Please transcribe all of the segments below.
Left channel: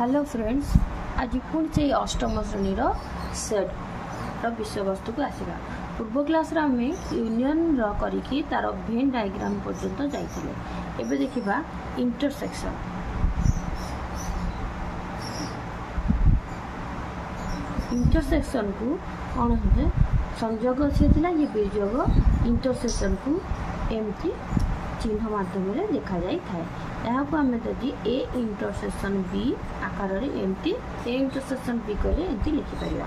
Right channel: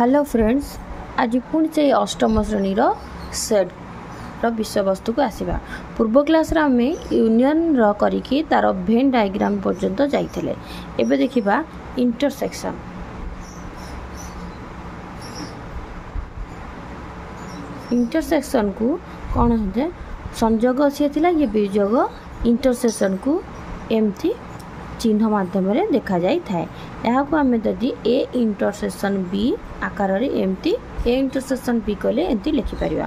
Hello friends, आज पुणी से अष्टम श्रेणी सेट विषय वस्तु को आसवा। पूर्व क्लास आम यूनियन करिकी तार भेन डायग्राम पर्यंत जाइए। एबे देखिबा इंटरसेक्शन। इंटरसेक्शन को कौन है संयोग सी थिला ये वियोग इंटरसेक्शन को एमती चिन्ह माध्यम देखा जाई थाए। यहाँ को आम जदि ए इंटरसेक्शन बी आकार एमती ए इंटरसेक्शन बी कहले एमती लिखिपर।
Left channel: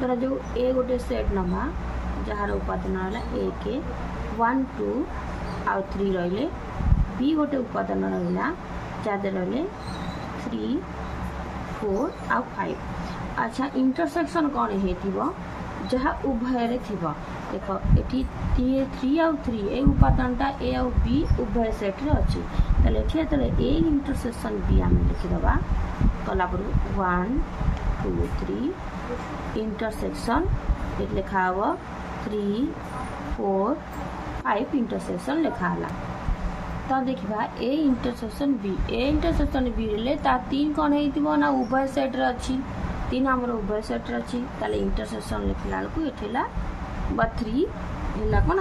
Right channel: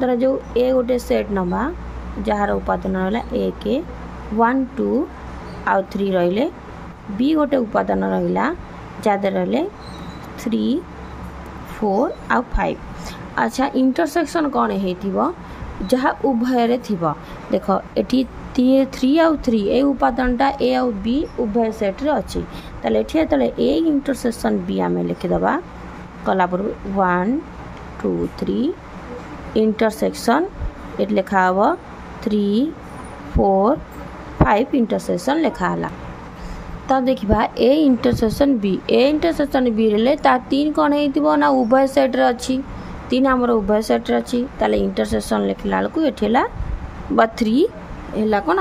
धर जो ए गोटे सेट नवा जार उपादान रहा 1 1 2 आउ 3 रहिले, बी गोटे उपादान रहा जहाँ रहिले 3 4 आउ 5। अच्छा, इंटरसेक्शन कौन है जहाँ उभय थिबो। देख एटी 3 आउ 3 ए उपादानटा ए आउ बी उभय सेट रे अछि। ताले एठी तले ए इंटरसेक्शन बी आम लिखिदबा कला पर 1 2 3 इंटरसेक्शन एट लिखा हबो 3 4 5 इंटरसेक्शन लिखा हला। तो देखिबा ए इंटरसेक्शन बी रे ता 3 कोन हेतिबो ना उभय सेट रे अछि। 3 हमर उभय सेट रे अछि। ताले इंटरसेक्शन लिखला लको एठेला बा 3 एला कोन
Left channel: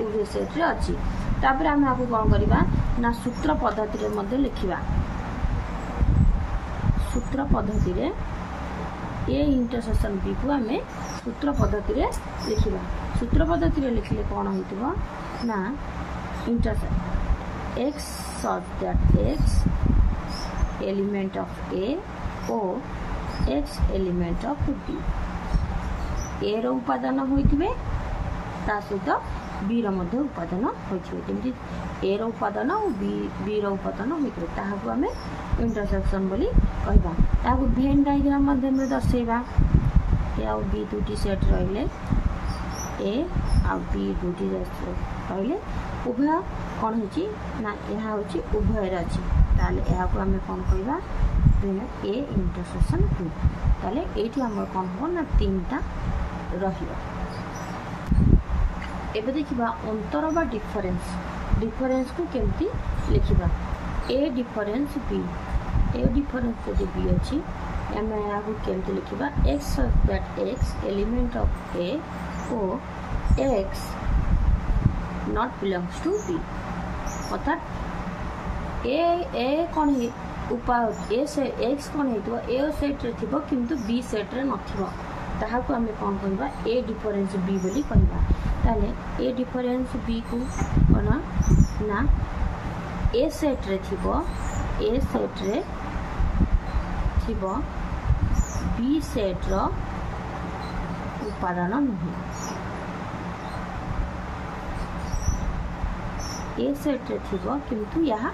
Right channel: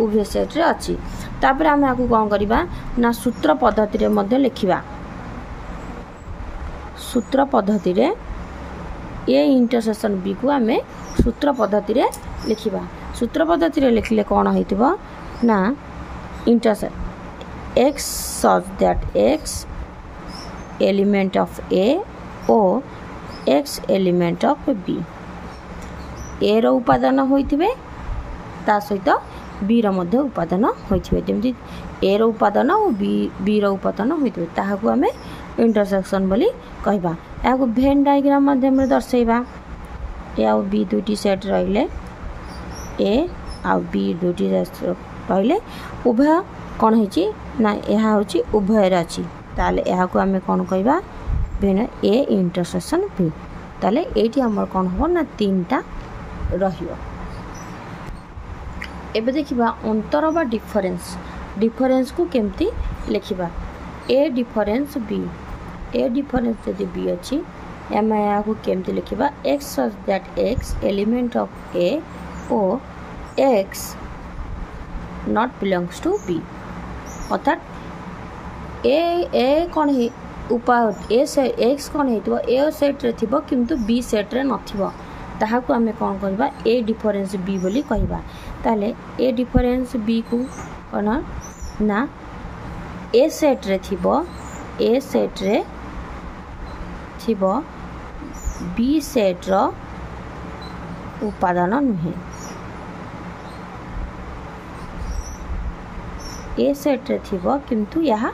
उभय सेट रे अछि। तापर हम आकु कोन करिबा ना सूत्र पद्धति रे मध्ये लिखिबा। सूत्र पद्धति रे ए इंटरसेक्शन बी को हमें सूत्र पद्धति रे लिखिबा। सूत्र पद्धति रे लिखले कोन होइतिबो ना intersect x such that x element of a or x element of b a रो उपादान होइतिबे ता सहित बी रो मध्ये उपादान होइतिबे। जेमति ए रो उपादान और बी रो उपादान होइतिबे ताहाकू हमें इंटरसेक्शन बोली कहबा। याकू भेन डायग्राम माध्यम रे दर्शाइबा। ए और बी दुटी सेट रहिले, ए और बी दुटी रहिले उभय कौन होची ना यह होची उभय अछि। ताले याकू हमें कौन कहबा भेन ए इंटरसेक्शन बी। ताले एठी हमर कौन हो ना 3टा रहियो। एबे देखिबा अंतर बा डिफरेंस को केमती लिखिबा। ए डिफरेंस जदि बी अछि एम या को केमती लिखिबा x such that x element of a o x not belongs to b। अर्थात ए कौन है ए से x कौन हेतिबो ए सेट रे थिबो किंतु बी सेट रे नथिबो ताहाकू हमें कौन करबा ए डिफरेंस बी बोली कहबा। ताले ए डिफरेंस बी को कोन ना ए सेट रे थिबो बी सेट रो उपादान नुहे। ए सेट रे थिबो किंतु यहाँ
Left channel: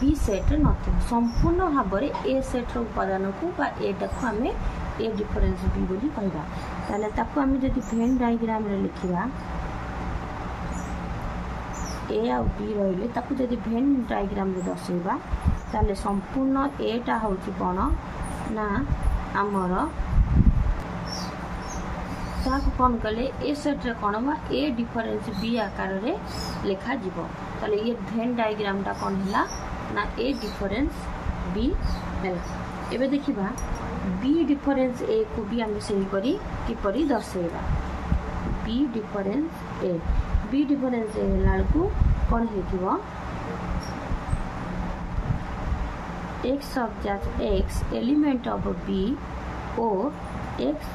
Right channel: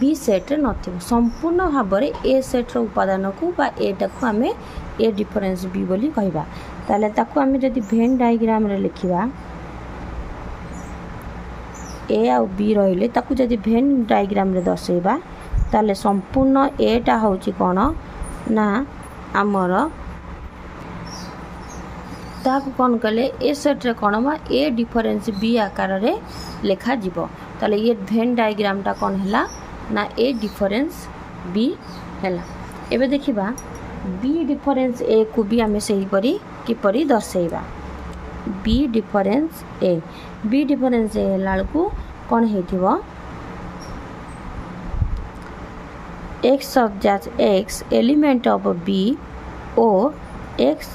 बी सेट रे नथिबो। संपूर्ण भाव में ए सेट रो उपादान को बा एटा को हमें ए डिफरेंस बी बोली कहबा। ताले ताको हमें जदि भेन डायग्राम रे लिखिबा ए आ बी रहिले ताको जदि भेन डायग्राम रे दर्शाइबा ताले संपूर्ण एटा होची कोन ना आमर ताको कोन कले ए सेट रे कोन मा ए डिफरेंस बी आकार रे लिखा जिवो। ताले ये भेन डायग्राम टा कोन हला ना ए डिफरेंस बी हला। एबे देखिबा बी डिफरेंस ए को भी आम से किपरि दर्शाइबा। बी डिफरेंस ए लालकू कौन हेतिबो x such that x element of b or x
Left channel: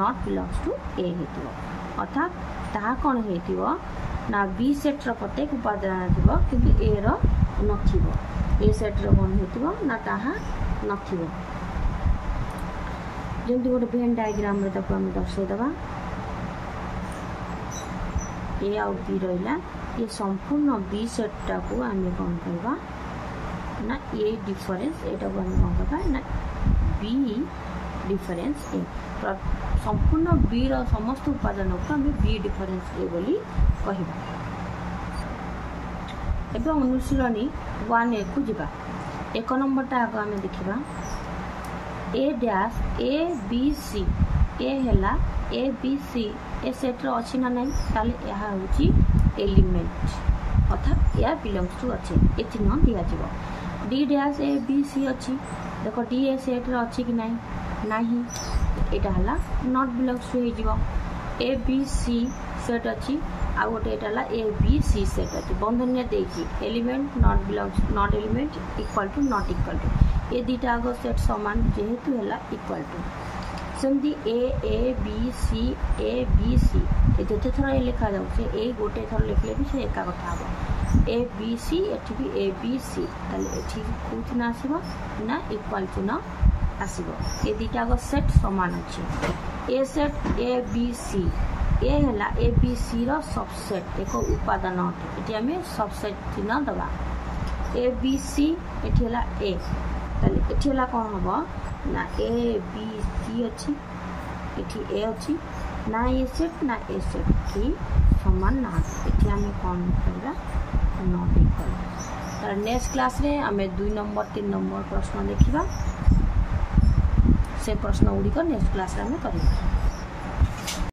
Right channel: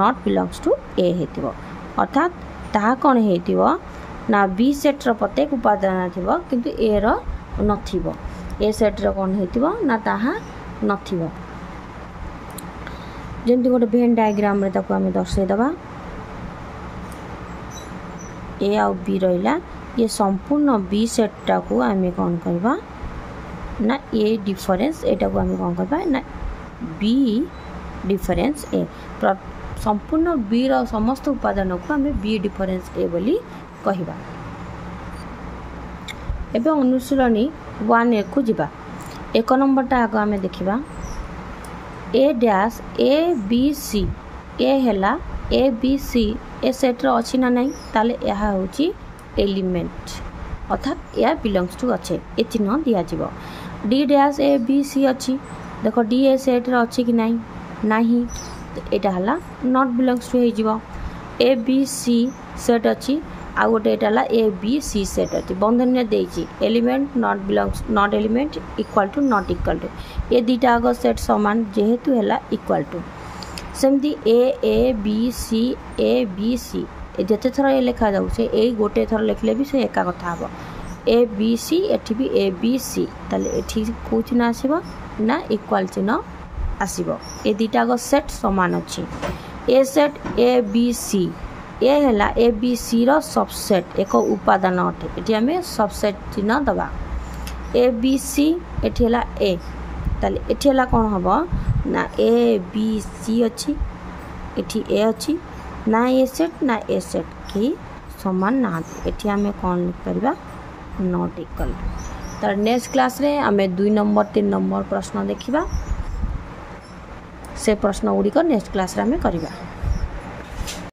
not belongs to a हेतिबो। अर्थात ताहा कौन हेतिबो ना बी सेट रो प्रत्येक उपादान थिबो किंतु ए रो नथिबो। ए सेट रो कौन हेतिबो ना ताहा नथिबो। जेमती गोटे भेन डायग्राम रे ताको हमें दर्शाई दबा। ए आउ बी रहिला ये संपूर्ण बी सेट टा को हमें कौन करबा ना ए डिफरेंस एटा को हमें कौन करबा ना बी डिफरेंस ए। संपूर्ण बी रो समस्त उपादान को हमें बी डिफरेंस ए बोली कहिबा। एबे अनुशीलनी 1 को जिबा। 1 नंबर टा आगो हमें देखिबा A dash A B C A हेला A B C A set रो अछि ना नहीं। ताले यहा होची एलिमेंट अर्थात या बिलोंग्स टू अच्छे ए चिन्ह दिया जीवो। D dash A B C अच्छी देख डी ए सेट रे अच्छी कि नहीं नहीं एटा हला नॉट बिलोंग्स टू हो ए बी सी सेट अच्छी आ गोटे एटा ए बी सी सेट अच्छी बंधन में देछि element not belongs not element equal to not equal to ये दीटा आग सेट समान जेहेतु है इक्वल टू सेमती ए बी सी जिते थर ये लिखा जाऊे ए गोटे थर लिखले भी से एका कथा हम ए बी सी एठी भी ए बी सी ताले एठी को चिन्ह आसीबो ना इक्वल चिन्ह आसीबो ये दीटा आग सेट समान अच्छी ए सेट ए बी सी ए है ए बी सी रो सबसेट एक उपादान अटे ये आम सबसेट चिन्ह दबा ए बी सी एठी है ए ताले एठी है कौन हम ना ए बी सी अच्छी एठी ए अच्छी ना ए सेट कि समान ना एठी आम कौन लिख पार नॉट इक्वल। तर नेक्स्ट क्लास रे आम 2 नंबर 3 नंबर प्रश्न देखिबा से प्रश्न गुड़िक नेक्स्ट क्लास रे आम करिबा।